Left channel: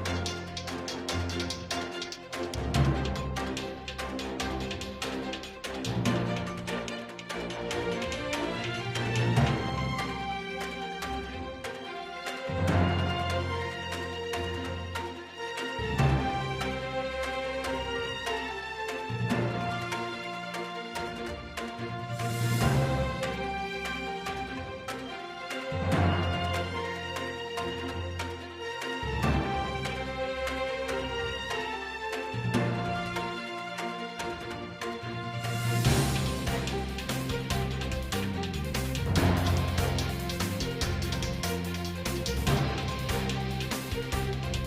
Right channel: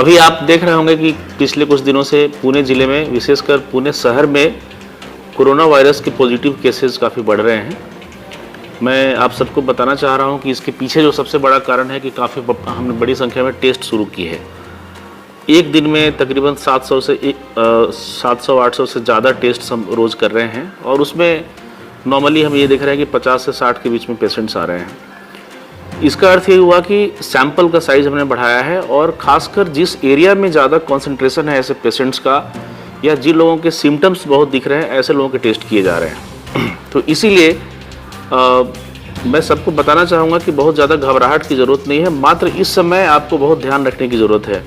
अभी आप देख रहे होंगे कि पिछले कुछ दिनों से पुणे ज़िले में, विशेषकर पुणे शहर में कोरोना वायरस के पॉजिटिव केसेस काफ़ी बढ़ रहे हैं। मैं आप सबको बताना चाह रहा हूं कि इसके पीछे जो सबसे बड़ा कारण है कि काफ़ी हमने बड़ी संख्या में टेस्ट शुरू किए हैं। एक दिन में तकरीबन 700-800 से ज़्यादा टेस्ट हम रोज़ कर रहे हैं और उसमें नॉर्मली हम ये देख रहे हैं कि 50 से 60 के बीच में पेशेंट्स आ रहे हैं। इसका अर्थ ये हुआ कि सैंपल का साइज हमने बढ़ाया है और ख़ासकर जिस एरिया में ज़्यादा कॉन्सेंट्रेशन है ऐसे पेशेंट्स का या जिन लोगों के सिम्टम्स बहुत दिख रहे हैं, ऐसे लोगों के टेस्ट किए जा रहे हैं। तो इसीलिए मैं सबको बताना चाहूँगा कि बहुत ज़्यादा घबराहट की ज़रूरत नहीं है, मात्र इस समय आपको बहुत ध्यान रखने की ज़रूरत है।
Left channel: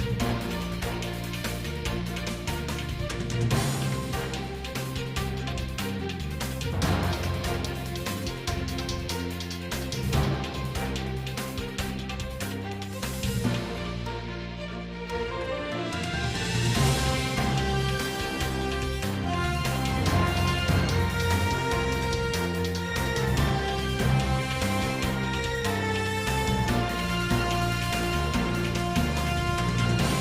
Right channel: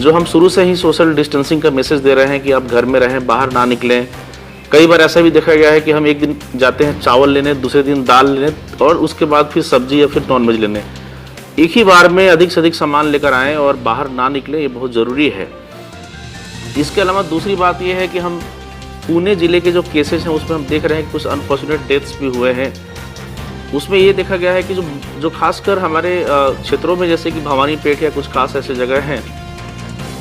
जो हम शुरू से ही सोशल डिस्टेंसिंग का मैसेज दे रहे हैं कि आप घर में रहें, बाहर ना निकलें। कई बार ऐसा भी देखा गया है कि हम एक दिन जाते हैं चावल लेने, दूसरे दिन दाल लेने और उसके बाद फिर सब्जी या फिर नॉनवेज लेने। एक ही बार में अधिक से अधिक सामान लेकर आएँ और बाहर ना निकलें, ये बहुत ज़रूरी है। इसके अलावा दूसरी बात ये है कि हम पुणे ज़िले के जो केसेस हैं उसमें हम देख रहे हैं कुछ अनफॉर्चुनेट डेथ्स भी हुए हैं। उसमें ये देखा गया है कि जो खासकर हमारे क्षेत्रों में, जैसे कि भवानीपेट या कुछ खास ऐसे जगह हैं,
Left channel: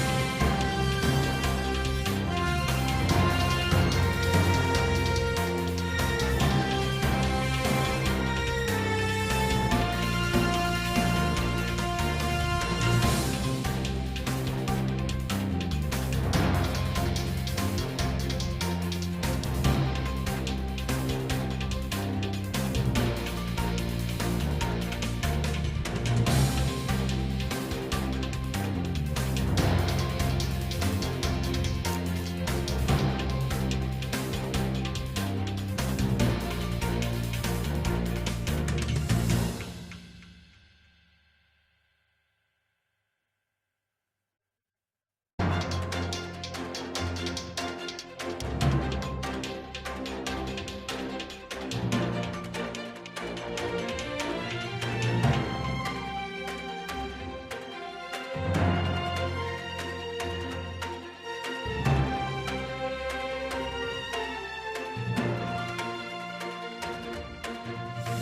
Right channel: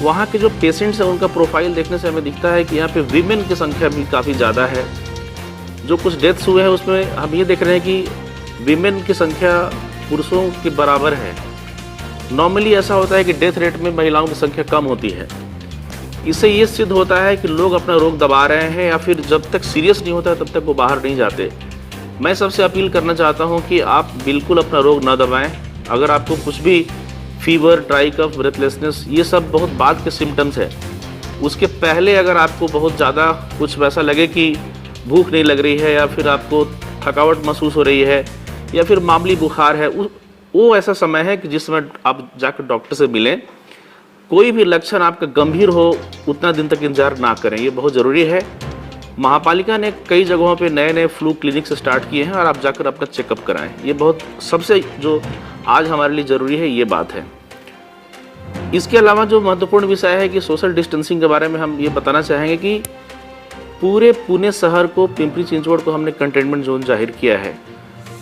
वहाँ के जो पेशेंट्स हैं उनका प्रोफाइल देखने से हमें दिखता है कि यहाँ पे वीमेन की संख्या भी काफ़ी ज़्यादा है। जो कुछ डेथ्स हुए हैं उसमें हम ये देख रहे हैं कि वीमेन की संख्या पुरुषों के बराबर है। नॉर्मली ऐसा होता है कि डेथ रेट में महिलाओं की संख्या कम होती है। इससे ये सिद्ध होता है कि लोग अपना रोग दबा रहे हैं या फिर जब तक सीरियस नहीं होता तब तक वो बाहर नहीं जाते। मैं सबसे अपील करना चाहता हूँ कि आप बिल्कुल अपना रोग ना दबाएं। अगर आपको कुछ भी फीवर, ड्राई कफ, ब्रेथलेसनेस, ये सब बहुत बाद के सिम्टम्स है, उसके पहले अगर आपको बहुत ज़्यादा कुछ वैसा लगे कि भूख नहीं लग रही है या फिर आपको थकावट महसूस हो रही है या फिर मामूली बुखार है, वो ऐसा समय है कि जिस समय आप जाकर डॉक्टर से मिलें। कोई भी लक्षण आपका गंभीर हो उतना दिन तक इंतजार ना करें, ये बहुत ज़रूरी है। महापालिका ने कई जगहों पे नए फ्लू क्लिनिक्स स्टार्ट किए हैं और आप जाकर अपना चेकअप कराएं। ये बहुत सबसे जो आज हमारे लिए ज़रूरी है, ये बात है। इसके अलावा जो महत्वपूर्ण विषय है कि सोशल डिस्टेंसिंग के बारे में हम ये बताना चाहेंगे कि पूरे पुणे शहर को, पिंपरी चिंचवड़ को हमने कंटेनमेंट जोन जाहिर किया है।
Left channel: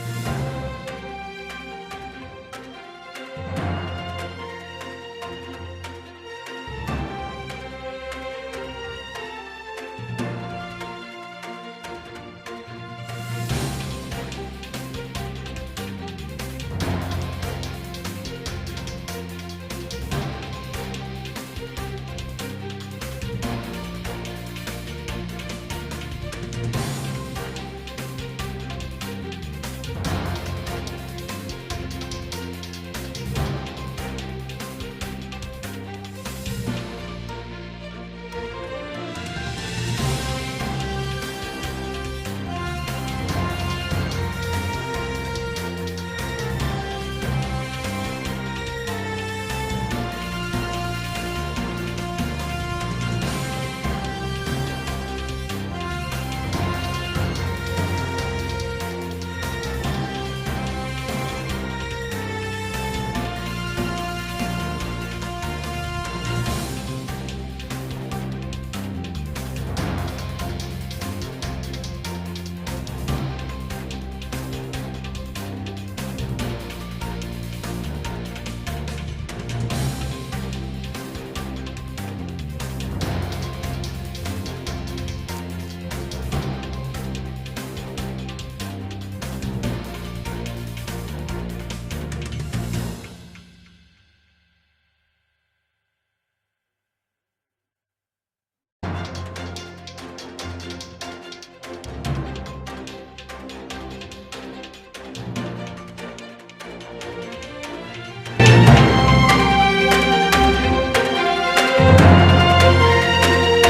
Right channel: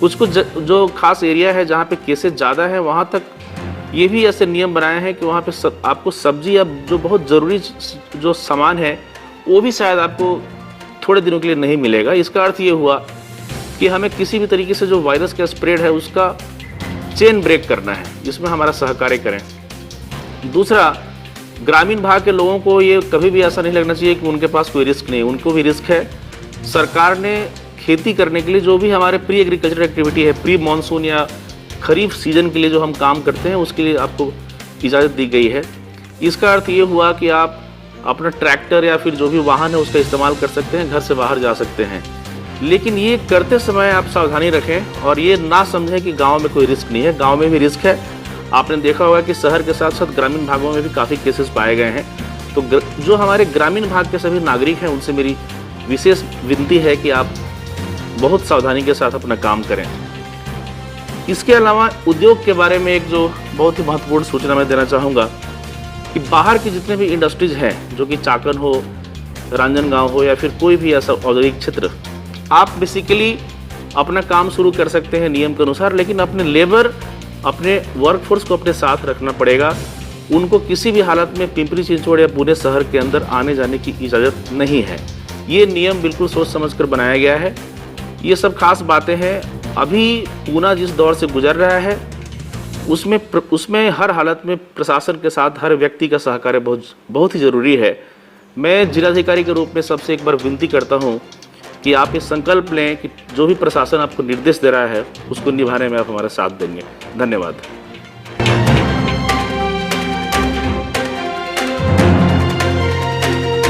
कुछ जो खास एरिया है जहाँ पे केसेस ज़्यादा है, वहाँ तक ये भी ऐसे नियम बनाए हैं कि वहाँ पे आपको सब्जी या जो बहुत ज़रूरी जो सामान है वो भी शायद आपको थोड़े दिनों के लिए नहीं मिलेगा। इसका अर्थ ये हुआ कि हमें किसी भी तरीके से जो वायरस का स्प्रेड है उसका चेन ब्रेक करना है, जिसमें हमारा सहकार्य करें। दूसरा, ग्रामीण भाग के लोगों को ये कभी भी ऐसा नहीं लगना चाहिए कि उनके पास कोई रिस्क नहीं, उनको भी रिस्क है। सरकार ने खेती करने के लिए जो भी हमारे प्री एग्रीकल्चर एक्टिविटी है, प्री मानसून या खरीफ सीजन के लिए जो हम काम करते हैं, उसके लिए आपको इजाज़त दी गई है। इसका अर्थ ये हुआ कि आप अपना ट्रैक्टर या फिर जो भी वाहन है उसका इस्तेमाल कर सकते हैं, घर से बाहर जा सकते हैं। लेकिन ये करते समय आप सावधानी रखें और ये ना समझें कि गांव में कोई रिस्क नहीं है। गांव में भी रिस्क है। आपने देखा होगा कि शहर के साथ साथ ग्रामीण भागों में भी काफ़ी केसेस पाए गए हैं। तो जो हमारे ग्रामीण भाग के सभी नागरिक हैं, उनसे मेरी विशेष विनती है कि आप बहुत सावधानी के साथ अपना काम करें। इसके अलावा उद्योग के बारे में एक जो बहुत ही महत्वपूर्ण सूचना मैं देना चाहूँगा कि बाहर की जितने भी इंडस्ट्रीज हैं, जो कि चाकन हो, रांजनगांव हो या फिर कोई भी ऐसा औद्योगिक क्षेत्र, आप बेसिकली अपना काम शुरू कर सकते हैं नियम के अनुसार, लेकिन अपने लेबर, अपने वर्कफोर्स को अपने साथ रखना पड़ेगा। उनको किसी भी हालत में पिंपरी चिंचवड़ या पुणे शहर के अंदर आने जाने की इजाज़त नहीं है। ये नियम बिल्कुल सोच समझ कर बनाया गया है। ये सब खास बातें हैं। अभी पुणे जिस दौर से गुजर रहा है उसमें हर हालत में प्रशासन के साथ हर व्यक्ति का सहकार्य बहुत ही ज़रूरी है। मैं जिलाधिकारी के रूप में सबसे एक बार विनती करता हूँ कि आप ये संकल्प लें कि जो भी प्रशासन आपको निर्देश दे रहा है उसको निभाने में आप हमारा साथ देंगे। धन्यवाद।